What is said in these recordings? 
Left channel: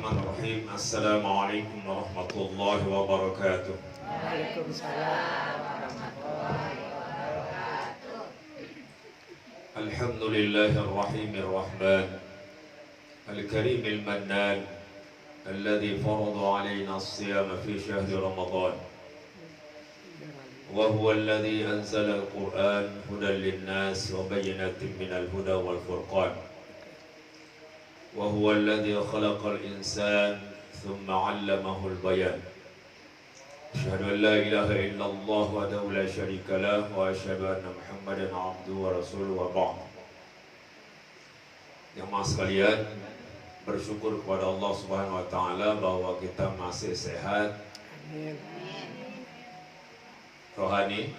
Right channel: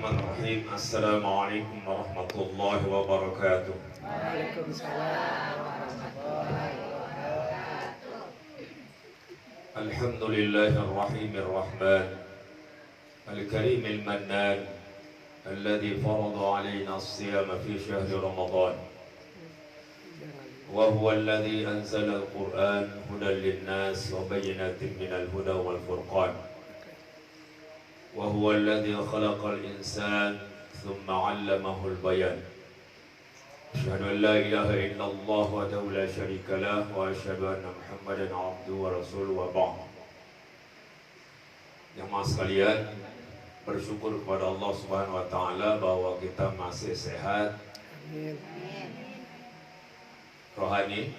Bismillahirrahmanirrahim. Assalamualaikum warahmatullahi wabarakatuh. Waalaikumsalam warahmatullahi wabarakatuh. Alhamdulillahirrahmanirrahim. Al-karimil mannan alladhi farada alaina as-siyama fi syahri Ramadan. Wa huwa alladhi anzala al-Qur'an hudan lin-nas wa bayyinatin minal huda wal furqan. وهو الذي خلق الإنسان ثم علمه البيان. أشهد أن لا إله إلا الله وحده لا شريك له وأشهد أن محمدا عبده ورسوله وبعد. Jemaah sekalian, bersyukur kepada Allah Subhanahu wa taala bahwa kita masih sehat. Amin. Rohani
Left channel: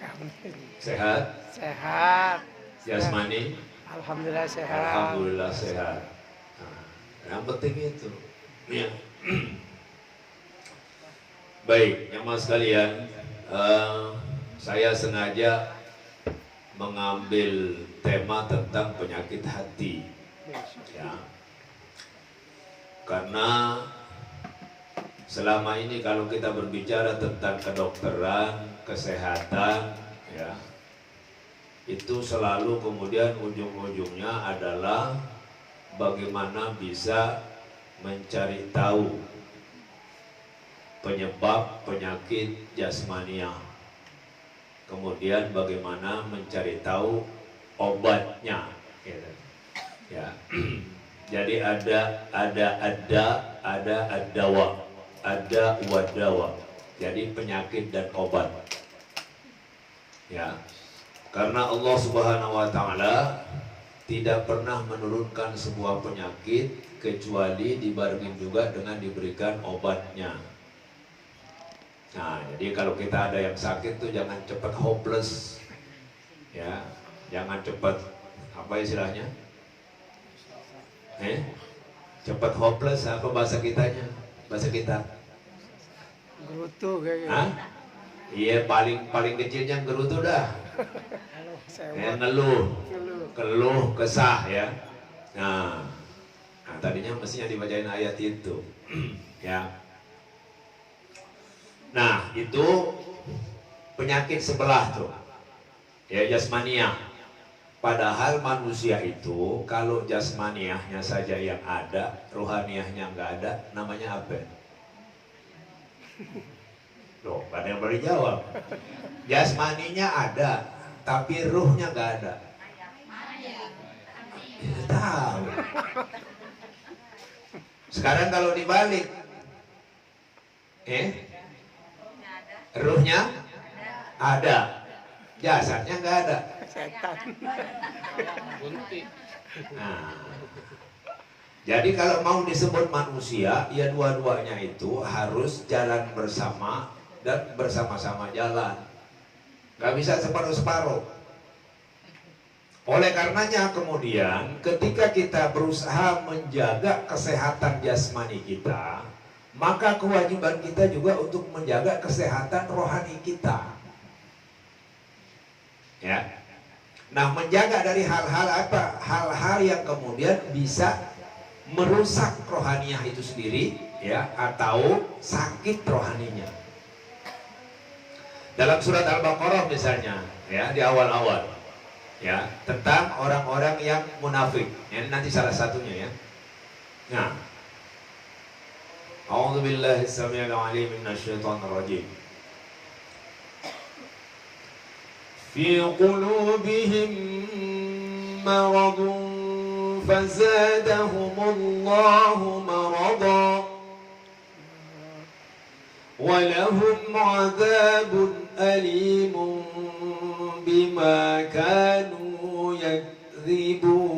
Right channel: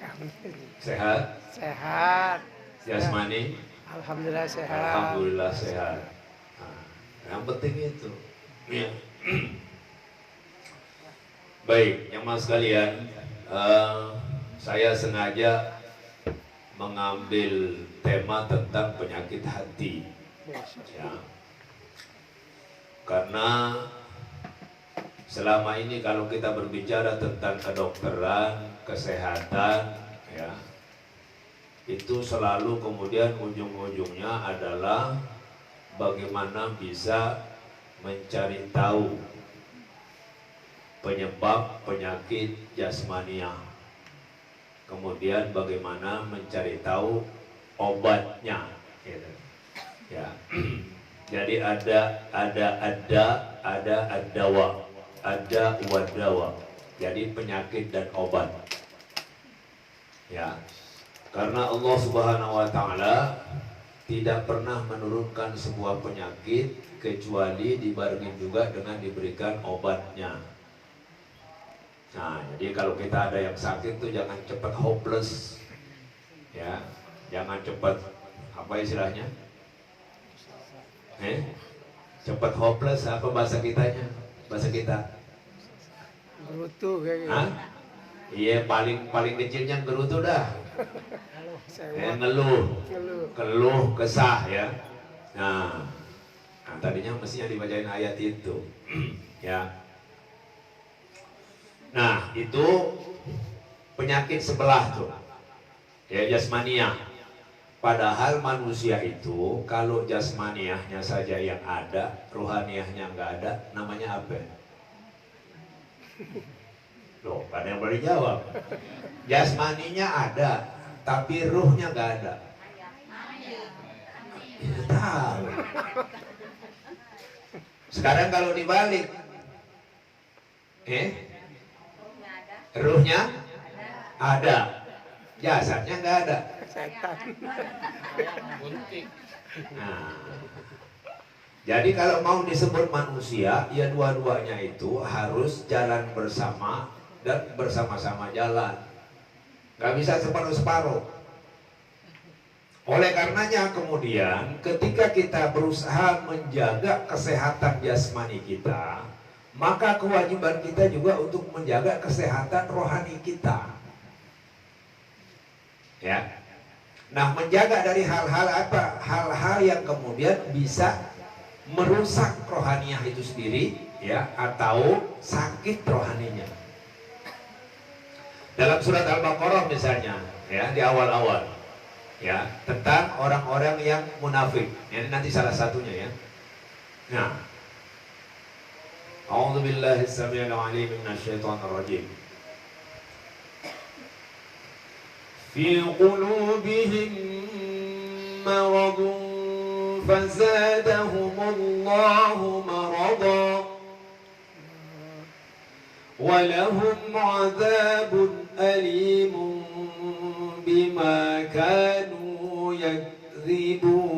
Amin. sehat, Sehat. jasmani Alhamdulillah sehat. alhamdulillah sehat. Yang penting itu. Ya. Baik, jemaah sekalian, saya sengaja mengambil tema tentang penyakit hati, ya. Karena selama ini kalau kita berbicara tentang kedokteran, kesehatan, ya, itu selalu kemudian ujung-ujungnya adalah bagaimana bisa mencari tahu penyebab penyakit jasmania, kemudian bagaimana mencari tahu obatnya, gitu. Ya. Jadi ada ad-dawa, ada wadawa. Jadi penyakit dan obat. Ya. Karena Allah Subhanahu wa taala tidak pernah menurunkan sebuah penyakit kecuali dibarengi juga dengan diberikan obatnya. Nah, jadi kalau kita ada yang sakit tuh jangan cepat hopeless, ya, jangan cepat apa istilahnya, cepat hopeless apa bahasa kitanya, bahasa kita? Gerutu kayak gitu. Iya, paling kecilnya gerutu dah. Keluh kesah, ya. Nah, tadinya mestinya dibacain ayat itu. Ya. Nah, itu penyakit sebelah tuh, ya, jasmaniah. Padahal manusia itu kalau jasmaniahnya saja yang ada, rohaniahnya nggak ada, namanya apa? Loh, ada yang beri jawab. Jasmaninya ada, tapi ruhnya nggak ada. Ya, tahu. Sekarang kalau dibalik, ruhnya ada, jasadnya nggak ada. Setan. Nah, jadi kalau mau disebut manusia, ya dua-duanya itu harus jalan bersama dan bersama-sama jalan. Gak bisa separuh-separuh. Oleh karenanya kemudian ketika kita berusaha menjaga kesehatan jasmani kita, maka kewajiban kita juga untuk menjaga kesehatan rohani kita. Ya. Nah, menjaga dari hal-hal apa? Hal-hal yang kemudian bisa merusak rohaniah itu sendiri, ya, atau sakit rohaninya. Dalam surat Al-Baqarah misalnya, ya, di awal-awal, ya, tentang orang-orang yang munafik. Ini nanti salah satunya, ya. Nah, A'udzubillahi as-sami'il 'alim minasyaitonir rajim. Fi qulubihim maradun fazadahumullahu maradan wa lahum 'adzabun alimun bima kanu yakdzibun.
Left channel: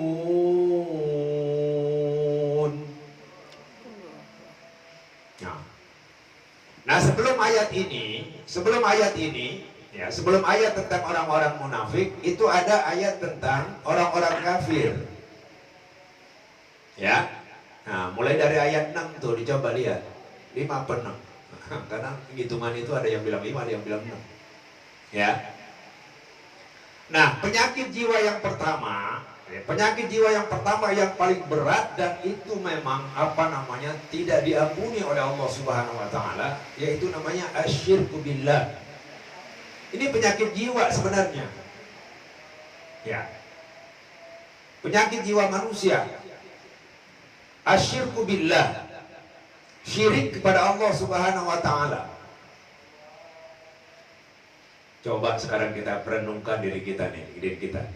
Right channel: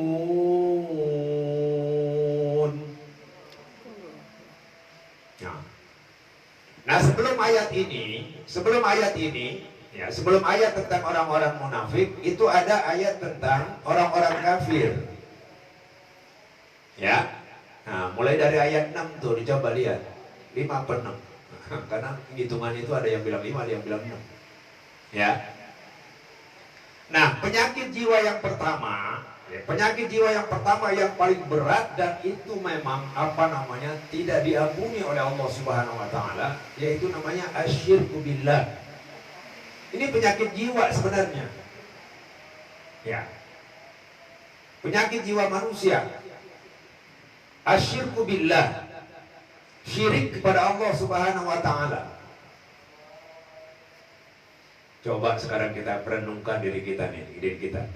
Nah, sebelum ayat ini, ya, sebelum ayat tentang orang-orang munafik, itu ada ayat tentang orang-orang kafir. Ya. Nah, mulai dari ayat 6 tuh dicoba lihat. 5 per 6. Karena hitungan itu ada yang bilang 5, ada yang bilang 6. Ya. Nah, penyakit jiwa yang pertama Ya, penyakit jiwa yang pertama yang paling berat dan itu memang tidak diampuni oleh Allah Subhanahu wa taala, yaitu namanya asyirku billah. Ini penyakit jiwa sebenarnya. Ya. Penyakit jiwa manusia. Asyirku billah. Syirik kepada Allah Subhanahu wa taala. Coba sekarang kita perenungkan diri kita nih, diri kita.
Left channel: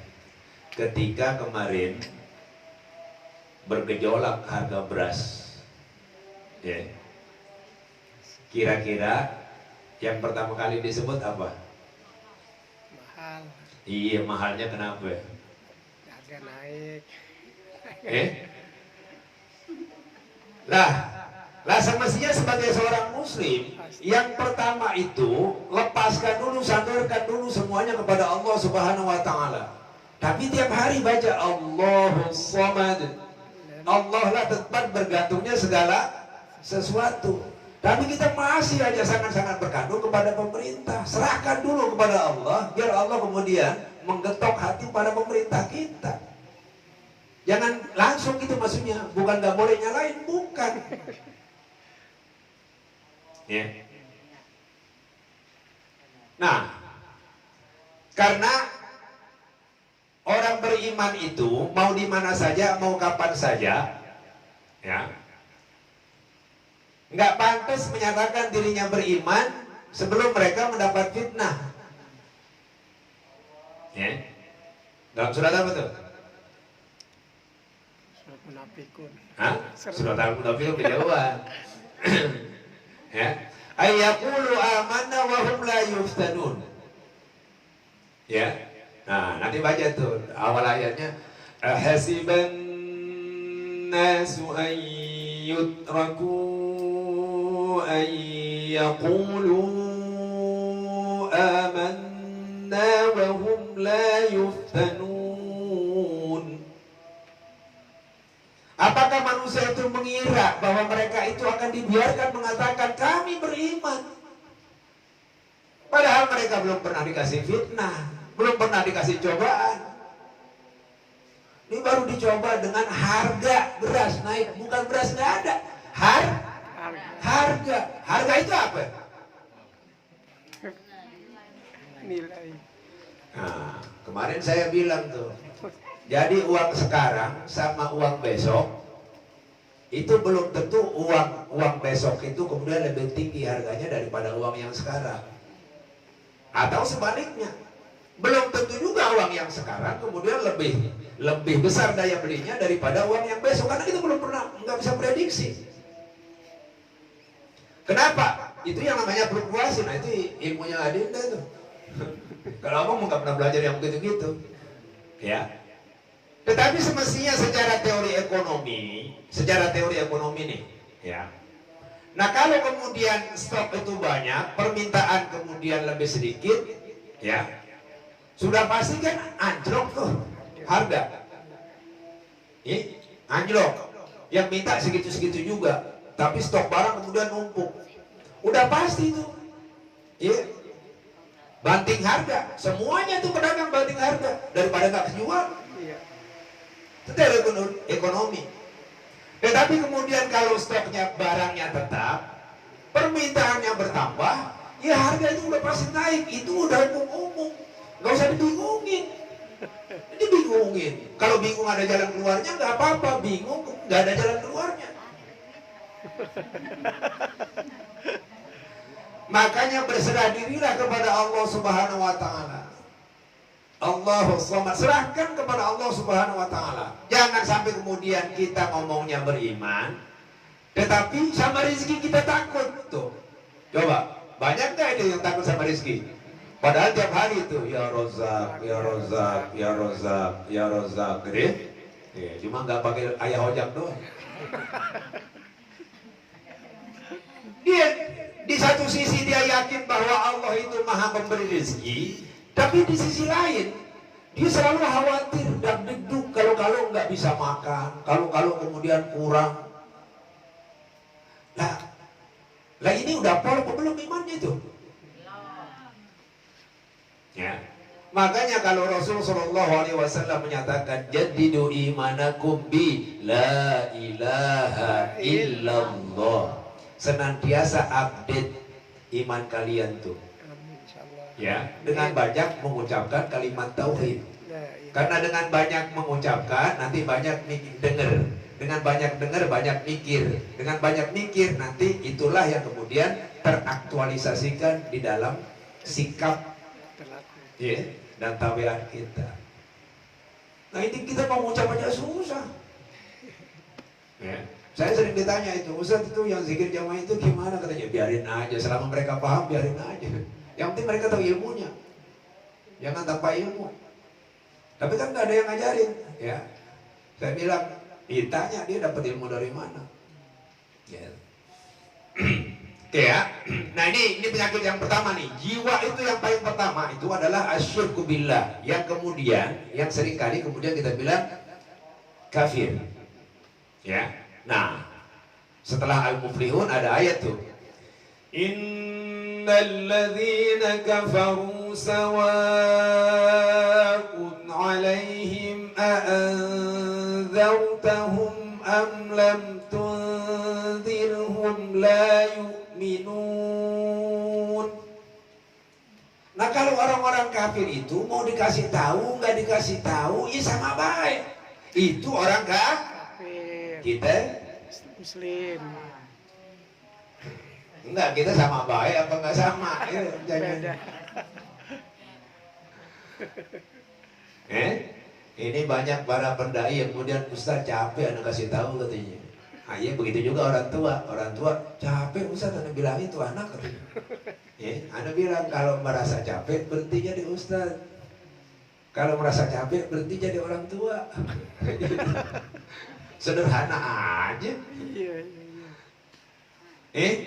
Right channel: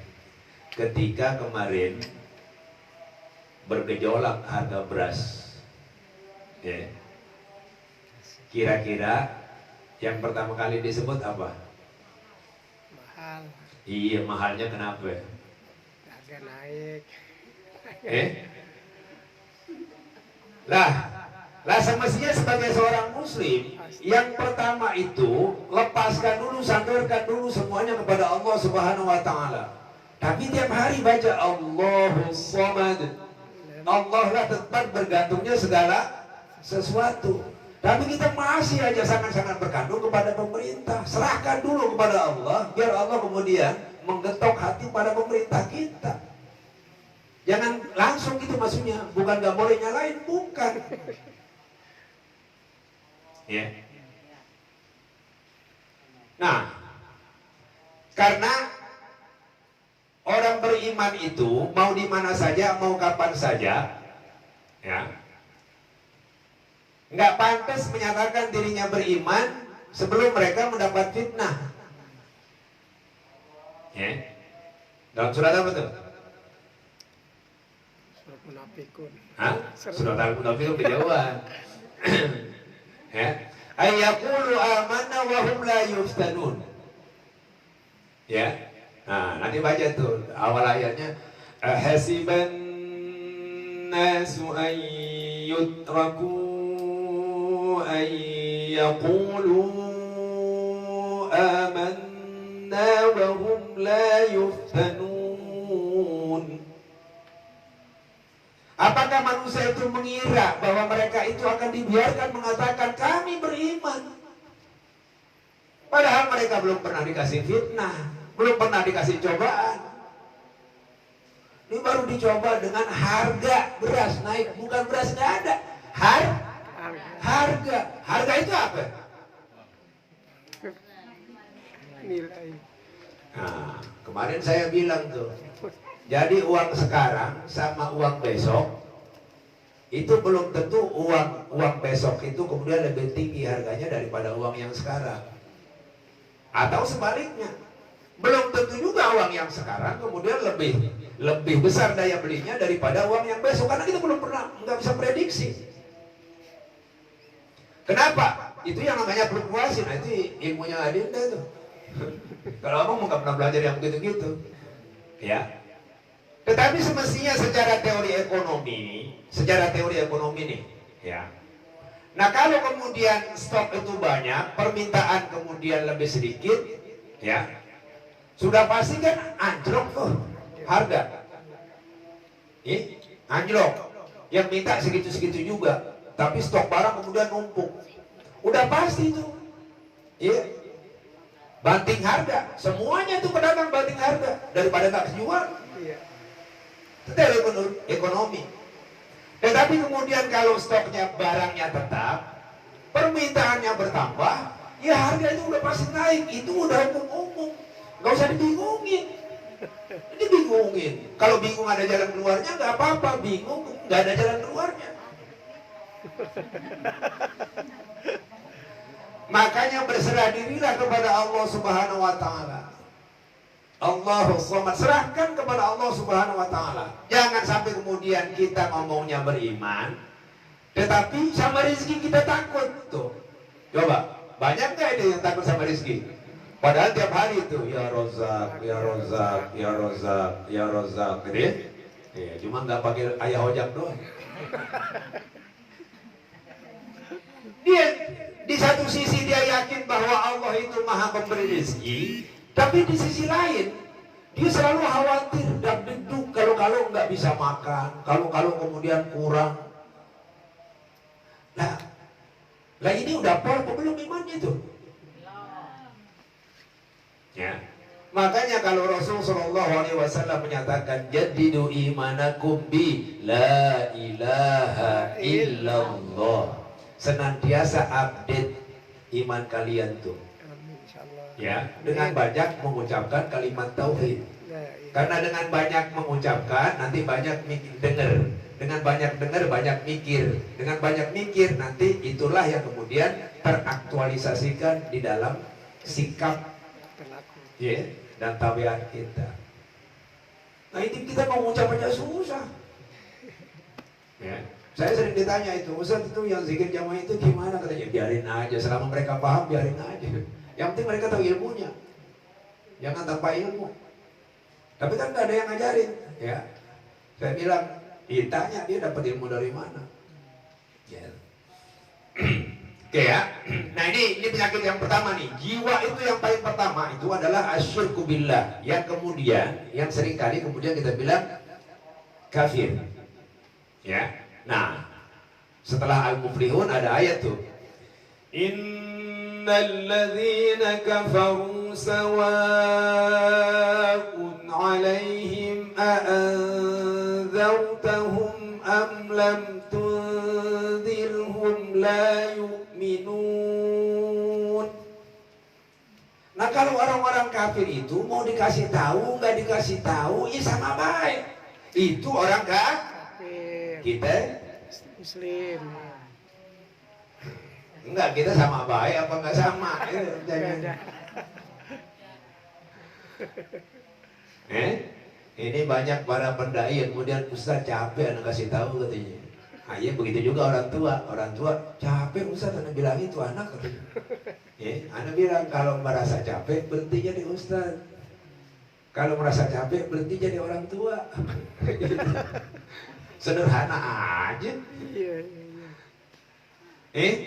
Ketika kemarin bergejolak harga beras, ya, kira-kira yang pertama kali disebut apa? Mahal. Iya, mahalnya kenapa? Harga naik. Lah semestinya sebagai seorang muslim, yang pertama itu lepaskan dulu, sandarkan dulu semuanya kepada Allah Subhanahu wa taala. Tapi tiap hari baca Allahus Samad. Allah lah tempat bergantungnya segala sesuatu. Tapi kita masih aja sangat-sangat bergantung kepada pemerintah. Serahkan dulu kepada Allah, biar Allah kemudian menggetok hati pada pemerintah kita. Jangan langsung gitu maksudnya. Bukan gak boleh nyalain, bukan. Ya. Nah, karena orang beriman itu mau di mana saja, mau kapan saja, ya, nggak pantas menyatakan dirinya beriman sebelum mereka mendapat fitnah. Ya. Dalam surat apa tuh? Surat Munafikun. Hah? Surat Al-Munafikun kejauhan. Ya. Ayyaqulu amanna wa hum la yuftanun. Ya. Nah, nanti baca tuh awal ayatnya, ahasiban nasu an yutraku an yaqulu amanna wa hum la yuftanun. Apakah manusia itu mengira bahwa mereka itu akan dibiarkan mengatakan kami beriman, padahal mereka belum pernah dikasih fitnah, belum pernah dikasih cobaan. Ini baru dicoba dengan harga beras naik, bukan beras nggak ada. Harga itu apa? Nilai. Nah, kemarin saya bilang tuh, jadi uang sekarang sama uang besok itu belum tentu uang besok itu kemudian lebih tinggi harganya daripada uang yang sekarang. Atau sebaliknya, belum tentu juga uang yang sekarang kemudian lebih besar daya belinya daripada uang yang besok, karena kita belum pernah, nggak bisa prediksi. Kenapa? Itu yang namanya fluktuasi. Nah itu ilmunya Adinda tuh. Kalau abang nggak pernah belajar yang begitu-gitu, ya. Tetapi semestinya secara teori ekonomi nih, ya. Nah kalau kemudian stok itu banyak, permintaan kemudian lebih sedikit, ya, sudah pasti kan anjlok tuh harga. Anjlok. Yang minta segitu-segitu juga, tapi stok barang kemudian numpuk. Udah pasti itu. Iya. Banting harga, semuanya tuh pedagang banting harga daripada nggak kejual. Iya. Itu dari ekonomi. Tetapi kemudian kalau stoknya barangnya tetap, permintaannya bertambah, ya harga itu udah pasti naik. Itu udah umum-umum, nggak usah dibingungin. Dibingungin. Kalau bingung ada jalan keluarnya nggak apa-apa, bingung nggak ada jalan keluarnya. Makanya berserah dirilah kepada Allah Subhanahu wa taala. Allahus Samad, serahkan kepada Allah Subhanahu wa taala. Jangan sampai kemudian kita ngomongnya beriman, tetapi sama rezeki kita takut tuh. Coba, banyak nggak itu yang takut sama rezeki? Padahal tiap hari itu ya Rozak, ya Rozak, ya Rozak, ya Rozak, gitu. Ya, cuma nggak pakai ayah ojak doang. Dia di satu sisi dia yakin bahwa Allah itu maha pemberi rezeki, tapi di sisi lain dia selalu khawatir dan degduk kalau nggak bisa makan, kalau kemudian kurang. Lah ini udah pol belum imannya itu? Ya. Makanya kalau Rasul Shallallahu Alaihi Wasallam menyatakan jadidu imanakum bi la ilaha illallah, senantiasa update iman kalian tuh, Amin insyaallah. ya, dengan banyak mengucapkan kalimat tauhid. Karena dengan banyak mengucapkan nanti banyak dengar, dengan banyak dengar banyak mikir, dengan banyak mikir nanti itulah yang kemudian teraktualisasikan di dalam sikap, Berlaku. ya, dan tabiat kita. Nah ini kita mau mengucap aja susah. Ya, saya sering ditanya itu, Ustaz itu yang zikir jamaah itu gimana? Katanya biarin aja, selama mereka paham biarin aja. Yang penting mereka tahu ilmunya, jangan tanpa ilmu. Tapi kan nggak ada yang ngajarin, ya. Saya bilang, ditanya dia dapat ilmu dari mana? Ya. Oke ya. Nah ini penyakit yang pertama nih. Jiwa itu yang paling pertama itu adalah asyirku billah. Yang kemudian, yang seringkali kemudian kita bilang kafir. Ya. Nah, setelah Al-Muflihun ada ayat tuh. Innal ladzina kafaru sawa'un 'alaihim a'anzartahum am lam tunzirhum la yu'minun. Nah kalau orang-orang kafir itu mau dikasih tahu nggak dikasih tahu, ya sama baik. Itu orang Kafir. kita Muslim. enggak, kita sama baik apa enggak sama? Beda. Ini banyak para pendai yang kemudian Ustaz capek anak kasih tahu katanya. Nah, iya begitu juga orang tua capek Ustaz anak bilang itu anak katanya. Anak bilang kalau merasa capek berhenti jadi Ustaz. Kalau merasa capek berhenti jadi orang tua. Sederhana aja. Iya, iya, iya.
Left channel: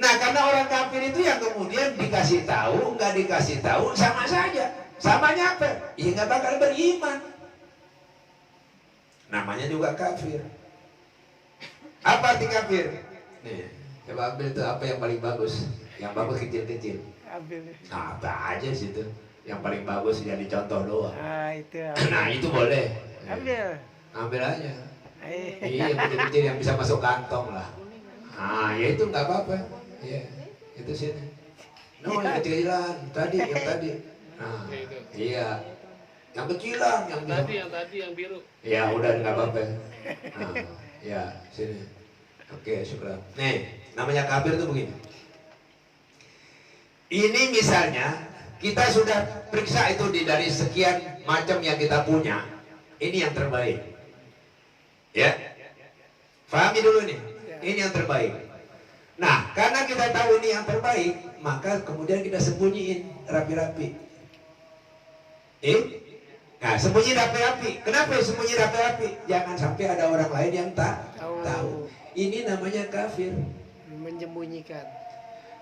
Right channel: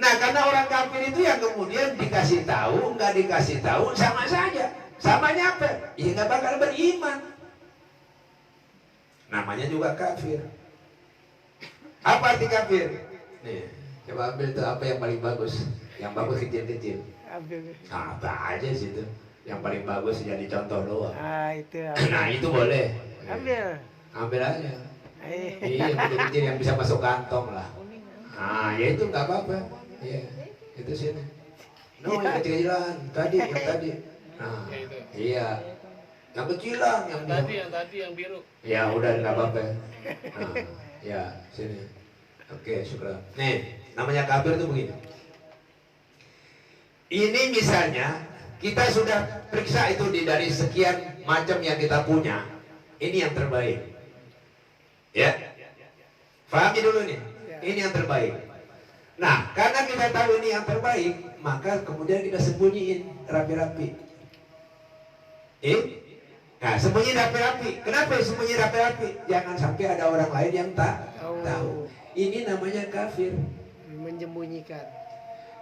Nah karena orang kafir itu yang kemudian dikasih tahu, nggak dikasih tahu sama saja, sama nyampe, ya nggak bakal beriman. Namanya juga kafir. Apa arti kafir? Nih, coba ambil itu apa yang paling bagus, yang bagus kecil-kecil. Ambil. Nah, apa aja sih itu, yang paling bagus jadi contoh doang. Ah, itu ambil. Nah itu boleh. Ambil. Ambil aja. Eh. Iya, kecil-kecil yang bisa masuk kantong lah. Nah, ya itu nggak apa-apa. Iya, itu sini. No, yang kecilan tadi, yang tadi. Nah, iya, yang kecilan, yang tadi yang biru. Ya udah nggak apa-apa. Nah, ya sini. Oke, syukur. Nih, namanya kafir tuh begini. Ini misalnya kita sudah periksa itu dari sekian macam yang kita punya. Ini yang terbaik. Ya, pahami dulu nih. Ini yang terbaik. Nah, karena kita tahu ini yang terbaik, maka kemudian kita sembunyiin rapi-rapi. Nah, sembunyi rapi-rapi. Kenapa sembunyi rapi-rapi? Jangan sampai ada orang lain yang tak tahu. Ini namanya kafir. Menyembunyikan.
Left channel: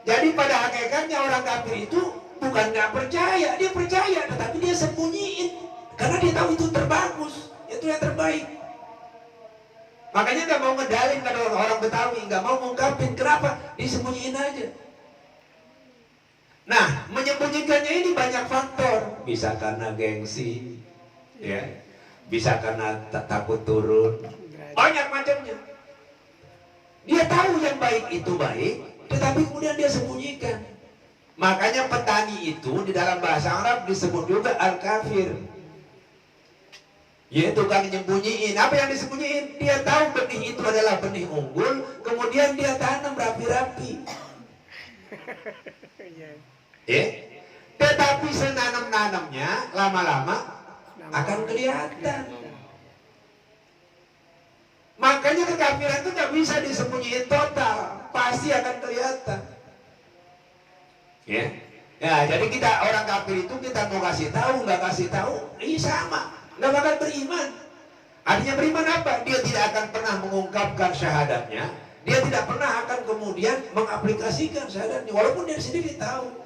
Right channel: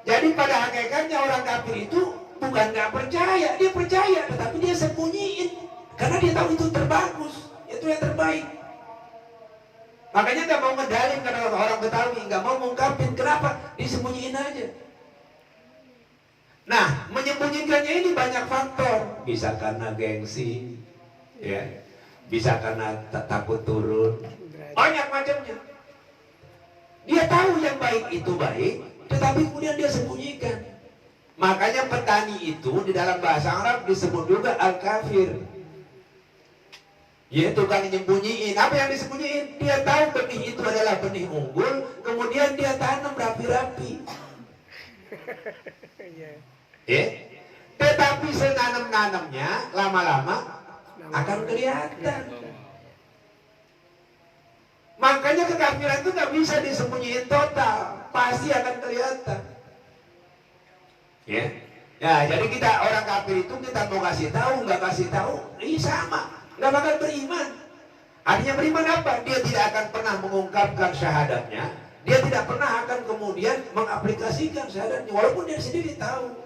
Jadi pada hakikatnya orang kafir itu bukan nggak percaya, dia percaya, tetapi dia sembunyiin karena dia tahu itu terbagus, itu yang terbaik. Makanya nggak mau ngedalin karena orang Betawi nggak mau ngungkapin, kenapa? Disembunyiin aja. Nah, menyembunyikannya ini banyak faktor. Bisa karena gengsi, ya, bisa karena takut turun, banyak macamnya. Dia tahu yang baik itu baik, tetapi kemudian dia sembunyikan. Makanya petani itu di dalam bahasa Arab disebut juga al-kafir. Ya, tukang nyembunyiin. Apa yang disembunyiin? Dia tahu benih itu adalah benih unggul, kemudian dia tanam rapi-rapi. Tetapi senanam-nanamnya lama-lama akan kelihatan. Makanya kekafiran itu nggak bisa disembunyiin total, pasti akan kelihatan. Ya, jadi kita orang kafir itu kita mau kasih tahu, nggak kasih tahu, ini sama. Nggak bakal beriman. Artinya beriman apa? Dia tidak akan pernah mengungkapkan syahadatnya. Dia tidak pernah akan kemudian mengaplikasikan syahadatnya, walaupun dia sendiri tahu.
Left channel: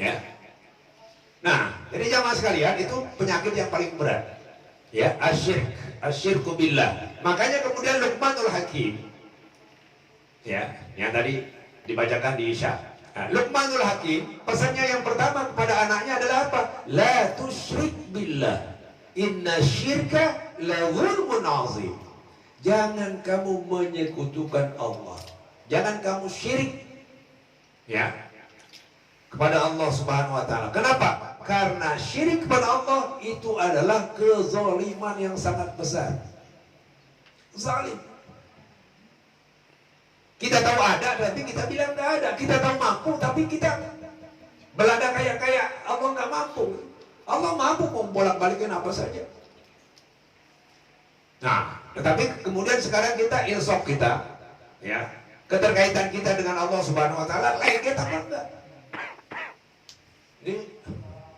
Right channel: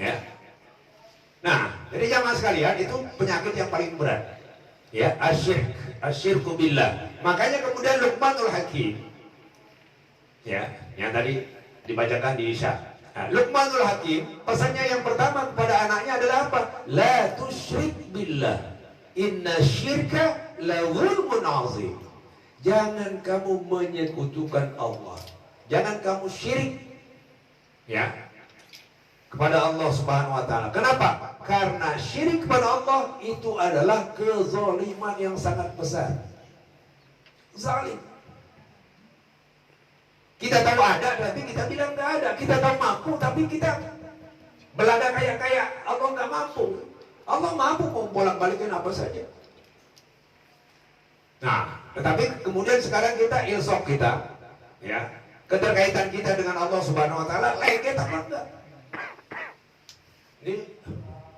Ya. Nah, jadi jamaah sekalian itu penyakit yang paling berat. Ya, asyirku billah. Makanya kemudian Luqmanul Hakim, ya, yang tadi dibacakan di Isya, Nah, Luqmanul Hakim pesannya yang pertama kepada anaknya adalah apa? La tusyrik billah, inna syirka la zulmun azim. Jangan kamu menyekutukan Allah, jangan kamu syirik, ya, kepada Allah Subhanahu wa taala. Kenapa? Karena syirik kepada Allah itu adalah kezaliman yang sangat besar. Zalim. Kita tahu ada, tapi kita bilang nggak ada. Kita tahu mampu, tapi kita belada kayak Allah nggak mampu. Allah mampu membolak-balikin apa saja. Nah, tetapi kemudian sekarang kita ilsok kita, ya, keterkaitan kita dengan Allah Subhanahu Wa Taala, lengket apa enggak? Ini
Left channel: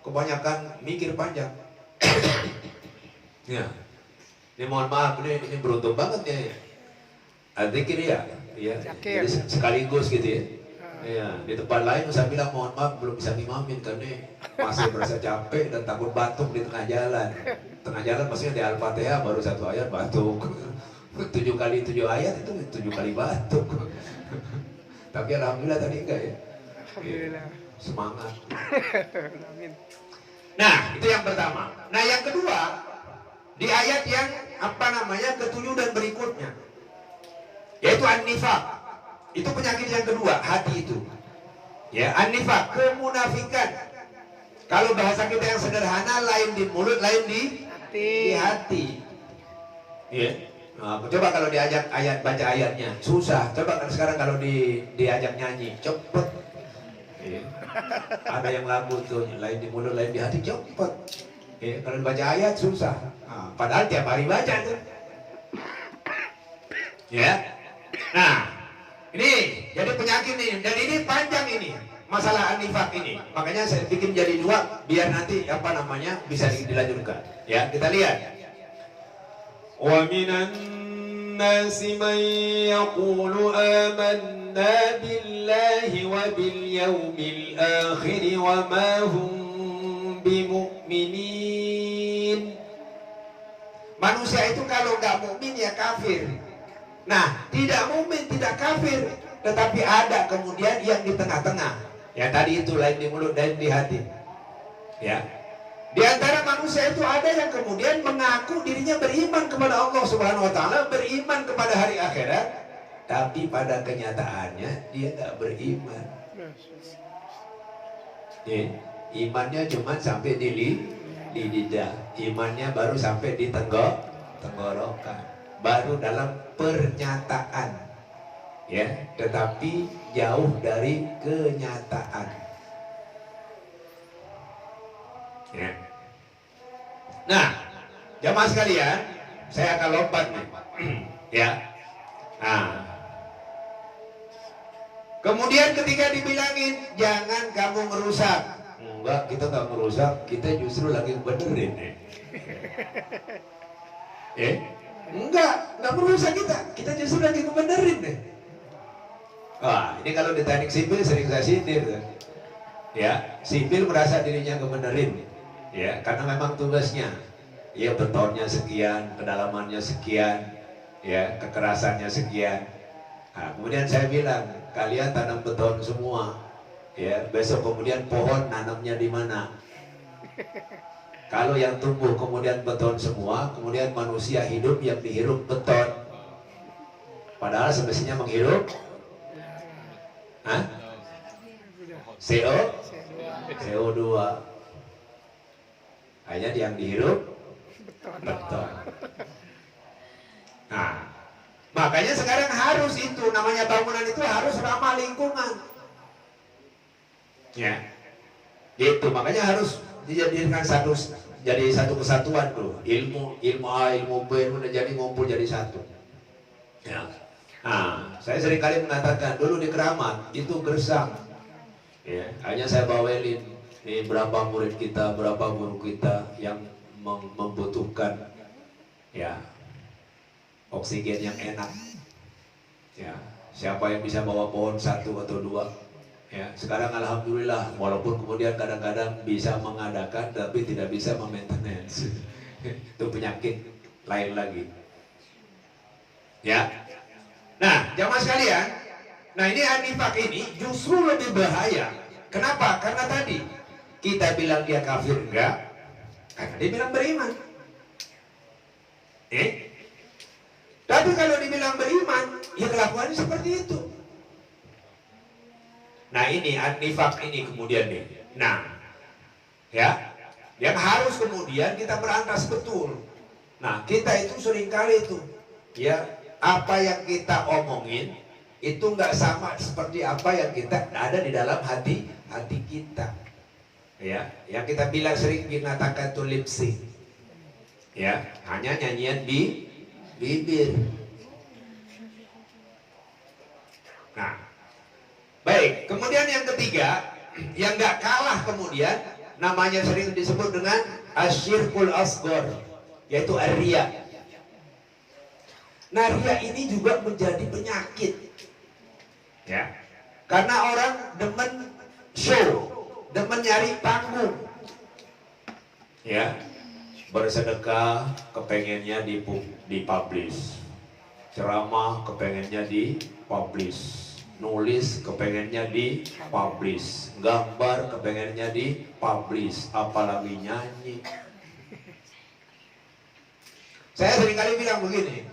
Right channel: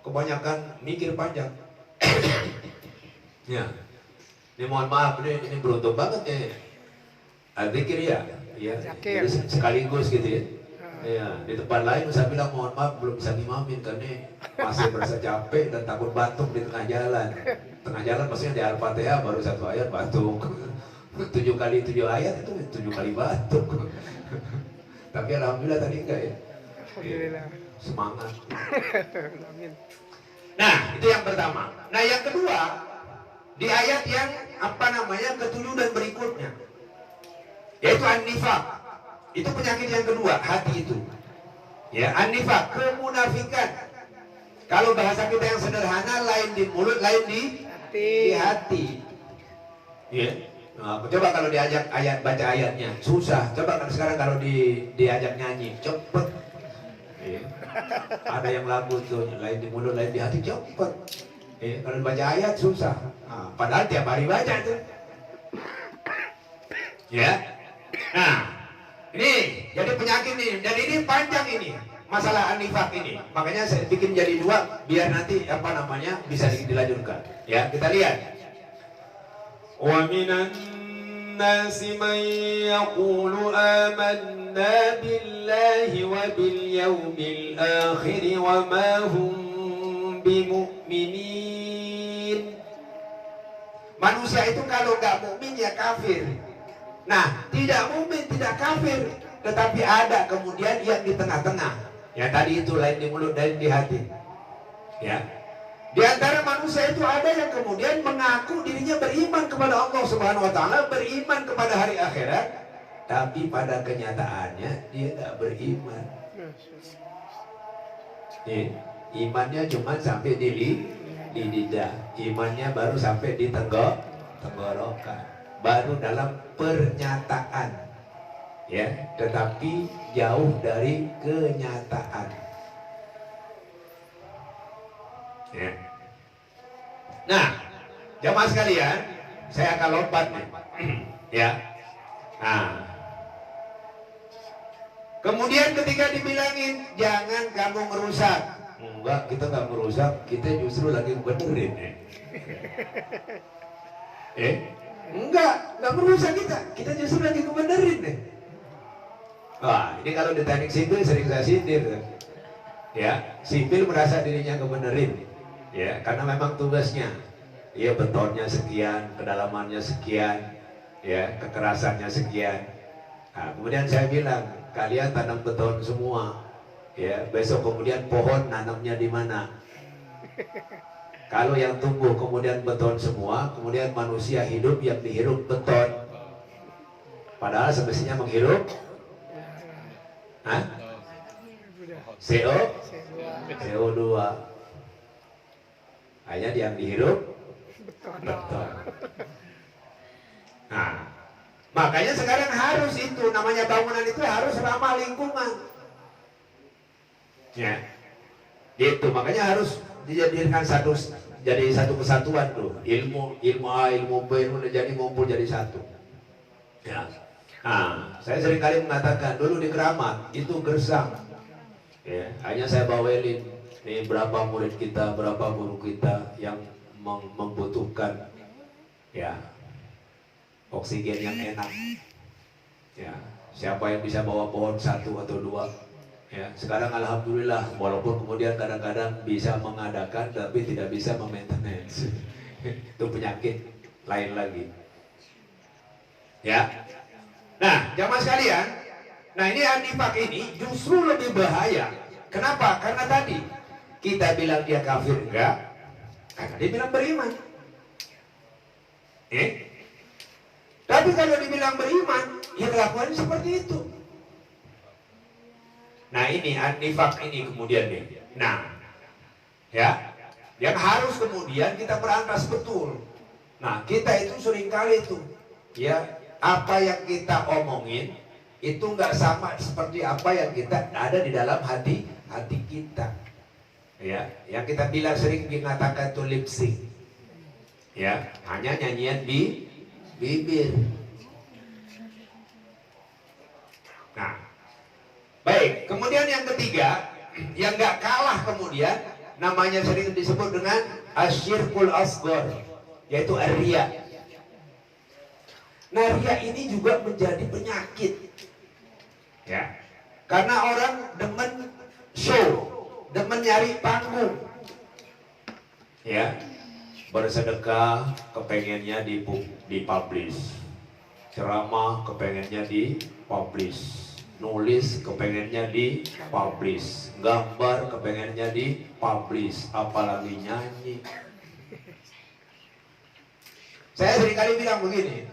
kebanyakan mikir panjang. Ya, ini mohon maaf, ini beruntung banget ya. Al-Zikir ya. Ya, jadi sekaligus gitu ya. Ya, di tempat lain saya bilang mohon maaf belum bisa ngimamin karena masih merasa capek dan takut batuk di tengah jalan. Tengah jalan maksudnya di Al-Fatihah baru 1 ayat batuk. 7 kali 7 ayat itu 7 kali batuk. Tapi alhamdulillah tadi enggak ya. Alhamdulillah. Semangat. Amin. Nah, itu yang pertama. Nah, yang kedua di ayat yang ke-7 dan berikutnya, yaitu an-nifaq. Itu penyakit yang kedua, hati itu. Ya, an-nifaq, kemunafikan. Kalau bahasa kita yang sederhana, lain di mulut, lain di hati. Ya. Nah, coba kalau diajak baca ayatnya, susah. Coba sekarang kalau diajak nyanyi, cepet. Ya. Ada yang lagu tuh, lain di mulut, lain di hati, cepet. Ya, kalau dibaca ayat susah. Nah, padahal tiap hari baca tuh. Ya. Nah, ini jadi penyakit ini, dan ini panjang ini masalah an-nifaq ini. Makanya saya bikin jadi 2 biar nanti bisa dilanjutkan. Ya, kita lihat. Wa minan nasi man yaqulu amanna billahi wa bil yawmil akhir wa ma hum bimu'minin. Manusia itu kalau nggak mukmin ya kafir. Nah, tidak mukmin, tidak kafir, tetapi ada kemudian yang di tengah-tengah. Ya tadi itu lain di mulut, lain di hati. Ya. Di antara manusia itu ada yang kemudian mengaku dirinya beriman kepada Allah Subhanahu wa taala, beriman kepada hari akhirat, tapi pada kenyataannya dia nggak beriman. Ya, imannya cuma sampai di lidah, imannya baru sampai di tenggorokan. Baru dalam pernyataan, ya, tetapi jauh dari kenyataan. Ya. Nah, jamaah sekalian, saya akan lompat nih, ya. Nah, kemudian ketika dibilangin jangan kamu merusak, enggak, kita nggak merusak, kita justru lagi benerin, Enggak merusak kita justru lagi ngebenerin nih. Wah, ini kalau di teknik sipil sering saya sindir. Ya, sipil merasa dirinya ngebenerin. Ya, karena memang tugasnya. Ya, betonnya sekian, kedalamannya sekian, ya, kekerasannya sekian. Nah, kemudian saya bilang, kalian tanam beton semua. Ya, besok kemudian pohon nanamnya di mana? Kalau yang tumbuh kemudian beton semua, kemudian manusia hidup yang dihirup beton. Padahal semestinya menghirup CO2. Hanya yang dihirup beton. Nah, makanya sekarang harus itu, namanya bangunan itu harus ramah lingkungan. Ya, itu makanya harus dijadikan jadi satu kesatuan tuh, ilmu A, ilmu B udah jadi ngumpul jadi satu. Ya. Nah, saya seringkali mengatakan dulu di Keramat itu gersang. Ya, hanya saya bawelin nih berapa murid kita, berapa guru kita yang membutuhkan ya oksigen yang enak. Ya, siapa yang bisa bawa pohon 1 atau 2? Ya, sekarang alhamdulillah walaupun kemudian kadang-kadang bisa mengadakan tapi tidak bisa memaintenance. Itu penyakit lain lagi. Ya. Nah, jamaah sekalian, Nah ini anifak ini justru lebih bahaya. Kenapa? Karena tadi kita bilang dia kafir enggak, karena dia bilang beriman. Tapi kalau dibilang beriman, ya kelakuannya seperti itu. Nah ini anifak ini kemudian nih. Nah, ya, yang harus kemudian kita berantas betul. Nah kita itu seringkali itu, ya, apa yang kita omongin itu nggak sama seperti apa yang kita ada di dalam hati kita. Ya, yang kita bilang sering dikatakan tuh lip sync. Ya, hanya nyanyian di bibir. Nah, baik. Kemudian yang ketiga, yang nggak kalah kemudian, namanya sering disebut dengan asyirkul asghar, yaitu ar-riya. Nah, riya ini juga menjadi penyakit, ya, karena orang demen show, demen nyari panggung, ya, bersedekah kepengennya dipublish, ceramah kepengennya dipublish, nulis kepengennya dipublish, gambar kepengennya dipublish, apalagi nyanyi. Saya seringkali bilang begini,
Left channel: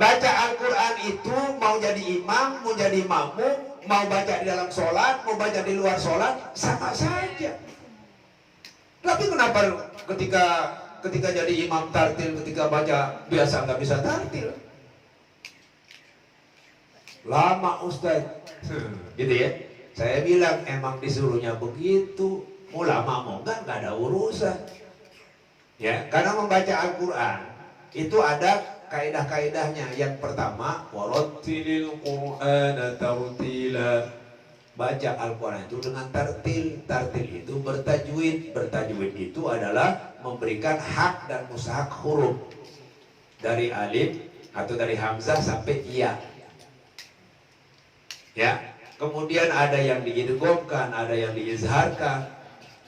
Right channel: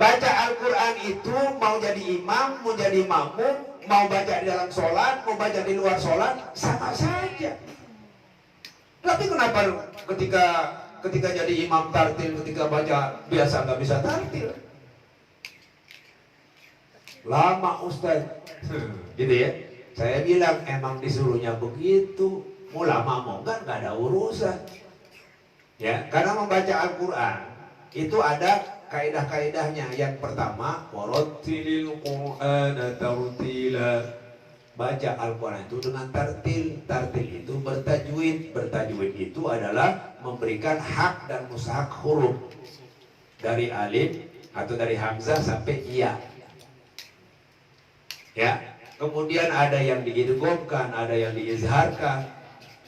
baca Al-Quran itu mau jadi imam, mau jadi makmum, mau baca di dalam sholat, mau baca di luar sholat, sama saja. Tapi kenapa ketika jadi imam tartil, ketika baca biasa nggak bisa tartil? Lama Ustaz, gitu ya. Saya bilang emang disuruhnya begitu, mau lama mau nggak ada urusan. Ya, karena membaca Al-Quran itu ada kaidah-kaidahnya. Yang pertama, warattilil Qur'ana tartila. Baca Al-Quran itu dengan tartil. Tartil itu bertajwid. Bertajwid itu adalah memberikan hak dan mustahak huruf dari alif atau dari hamzah sampai iya. Ya, kemudian ada yang diidghamkan, ada yang diizharkan,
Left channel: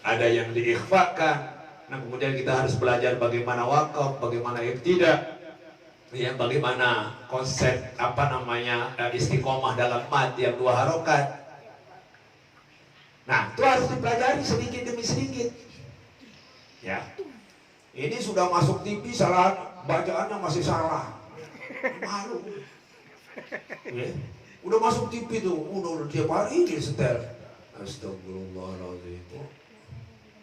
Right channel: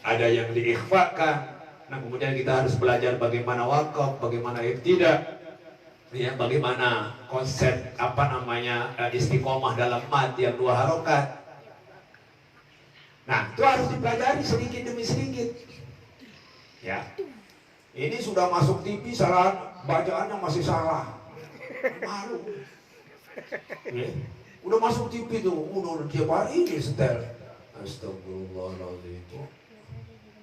ada yang diikhfakan. Nah, kemudian kita harus belajar bagaimana waqaf, bagaimana ibtida, ya, bagaimana konsep istiqomah dalam mad yang 2 harokat. Nah, itu harus dipelajari sedikit demi sedikit. Ya, ini sudah masuk TV salah, bacaannya masih salah, malu. Ya. Udah masuk TV tuh, udah tiap hari ini setel. Astagfirullahaladzim.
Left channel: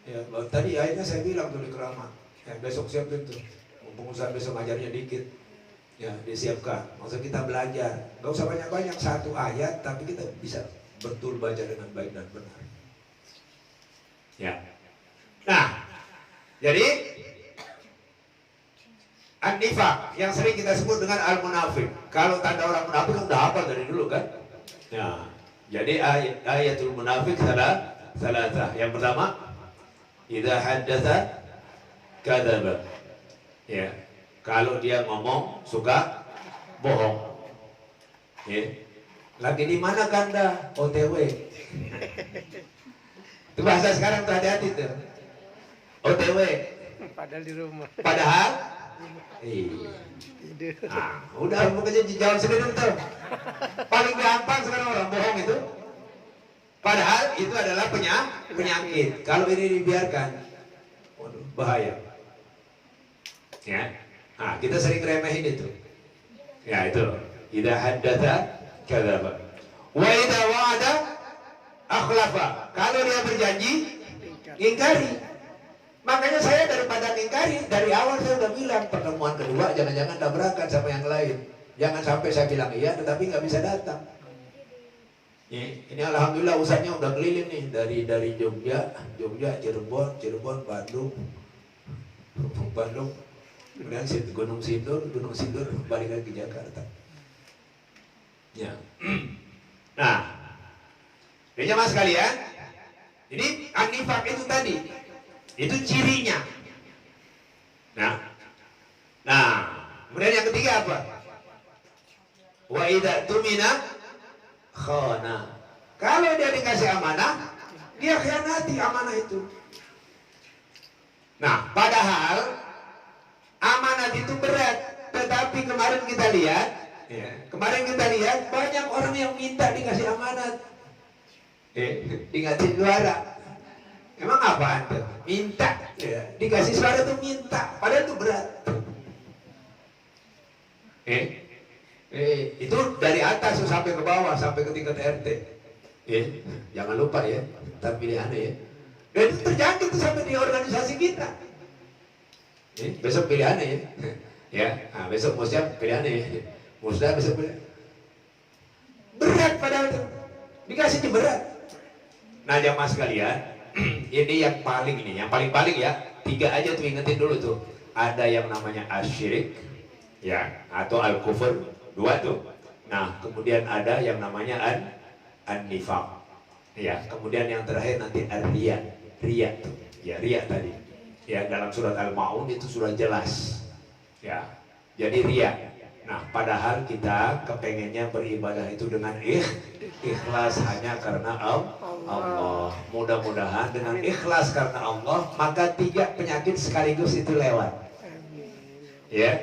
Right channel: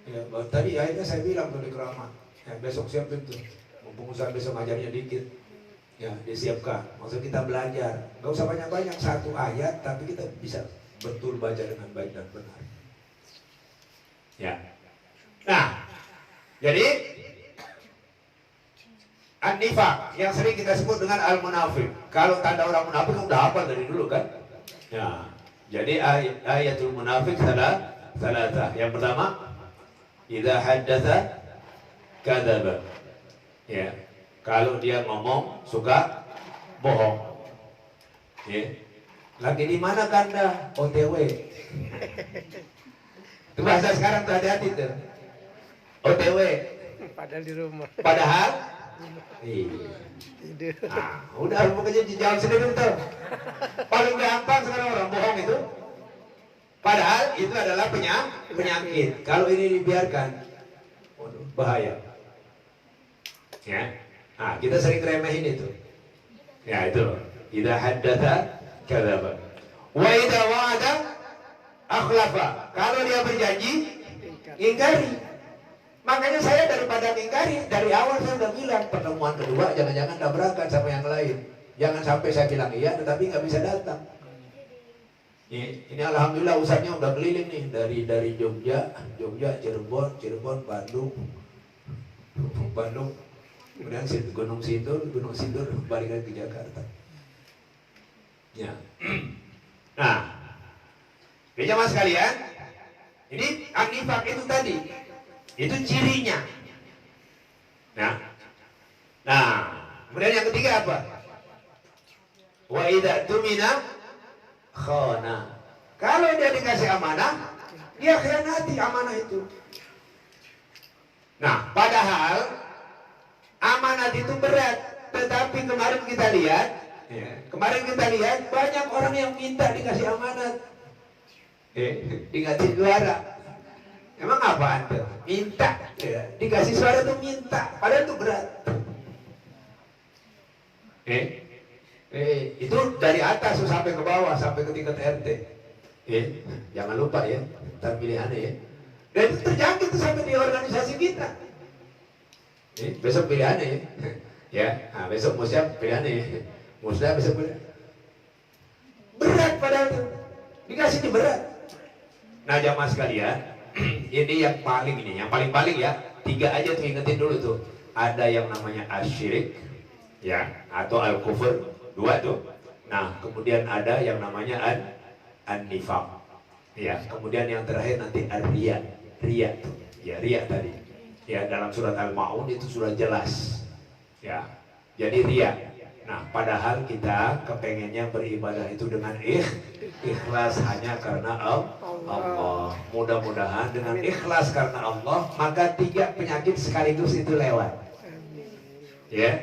Ya, tadi akhirnya saya bilang tuh di keramat, ya, besok siapin tuh, mumpung Ustaz besok ngajarnya dikit, ya, disiapkan. Maksud kita belajar, gak usah banyak-banyak, 1 ayat, tapi kita bisa betul baca dengan baik dan benar. Ya. Nah, jadi an-nifaq yang sering kita sebut dengan al-munafik. Kalau tanda orang munafik udah hafal dari dulu kan? Ya. Jadi ayatul munafik salah. Yang pertama, idza haddatsa kadzaba. Ya. Kalau dia ngomong suka bohong. Ya. Lagi di mana Kanda? OTW. Itu bahasa sekarang tuh, hati-hati tuh. OTW. Padahal di rumah. Padahal Tidur. nah, udah pokoknya jawab sendiri tuh. Paling gampang sekarang orang bohong itu. Padahal itu adalah penyakit. Kalau ini dibiarkan, waduh, bahaya. Ya. Nah, kita sering remehin itu. Ya, itu loh. Idza haddatsa kadzaba. Wa idza wa'ada akhlafa. Kalau dia berjanji, ingkari. Makanya saya daripada ingkari, dari awal saya udah bilang, pertemuan kedua jangan-jangan tabrakan sama yang lain. Jangan sampai saya bilang iya tetapi nggak bisa datang. Ini alhamdulillah usahanya udah keliling nih, dari Jogja, Cirebon, Bandung, kemudian Gunung Sindur, balik lagi ke Jakarta. Ya. Nah, jemaah sekalian, ini an-nifaq itu tadi, itu cirinya. Nah, kemudian yang ketiga apa? Wa idza tumina khana. Kalau dia dikasih amanah, dia khianati amanah itu. Nah, padahal amanat itu berat, tetapi kemarin kita lihat Ya. Kemarin kita lihat banyak orang yang minta dikasih amanat, dikasih suara. Emang apa anda? Minta, ya. Dikasih suara tuh minta, padahal itu berat. Itu dari atas sampai ke bawah, sampai ke tingkat RT. Jangan lupa ya, ntar pilihannya ya. Dan itu terjangkit tuh sampai di organisasi kita. Besok pilihannya ya. Ya, nah, besok musya pilihannya ya. Musya besok pilihan. Berat padahal itu. Dikasihnya berat. Nah jamaah sekalian, ini yang paling ya. 3 aja tuh ingetin dulu tuh. Ada yang namanya asyirik, ya, atau al-kufur, 2 tuh. Nah, kemudian ada yang namanya an-nifaq. Ya, kemudian yang terakhir nanti ar-riya. Riya tuh. Ya, riya tadi. Ya, dalam surat Al-Maun itu sudah jelas. Ya. Jadi riya. Nah, padahal kita kepengennya beribadah itu dengan ikhlas hanya karena Allah. Mudah-mudahan dengan ikhlas karena Allah, maka 3 penyakit sekaligus itu lewat. Ya,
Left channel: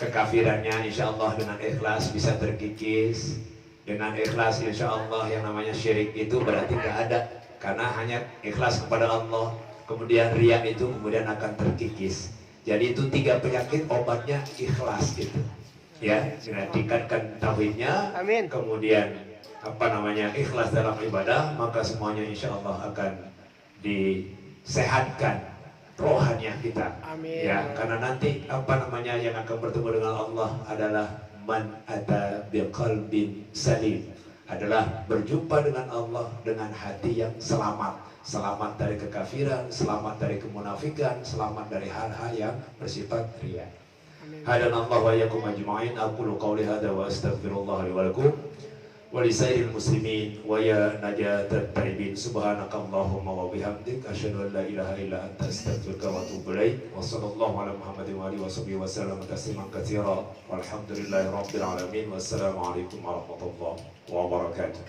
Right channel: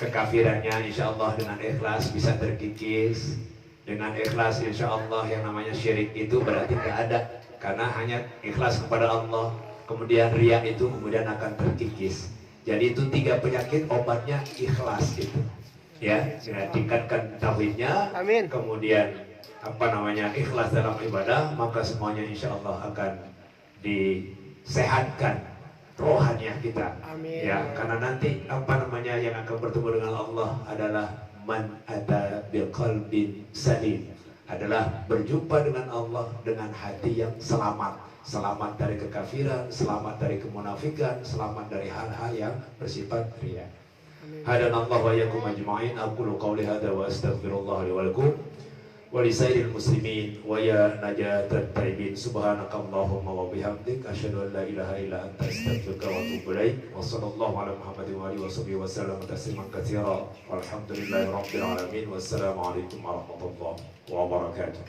kekafirannya insya Allah dengan ikhlas bisa terkikis. Dengan ikhlas insya Allah yang namanya syirik itu berarti tidak ada, karena hanya ikhlas kepada Allah. Kemudian riya itu kemudian akan terkikis. Jadi itu 3 penyakit obatnya ikhlas gitu. Ya, tingkatkan tauhidnya, Amin. kemudian ikhlas dalam ibadah, maka semuanya insya Allah akan disehatkan rohaniah kita. Amin. Ya, karena nanti yang akan bertemu dengan Allah adalah man ata biqalbin salim, adalah berjumpa dengan Allah dengan hati yang selamat dari kekafiran, selamat dari kemunafikan, selamat dari hal-hal yang bersifat riya. Hadanallahu wa iyyakum ajma'in. Aqulu qawli hadza wa astaghfirullah li wa lakum wa li sairil muslimin wa ya najatat taibin. Subhanakallahumma wa bihamdik asyhadu an la ilaha illa anta astaghfiruka wa atubu ilaik. Wa sallallahu ala Muhammadin wa alihi wa sahbihi wa sallam tasliman katsira. Walhamdulillahi rabbil alamin. Wassalamu alaikum warahmatullahi wabarakatuh.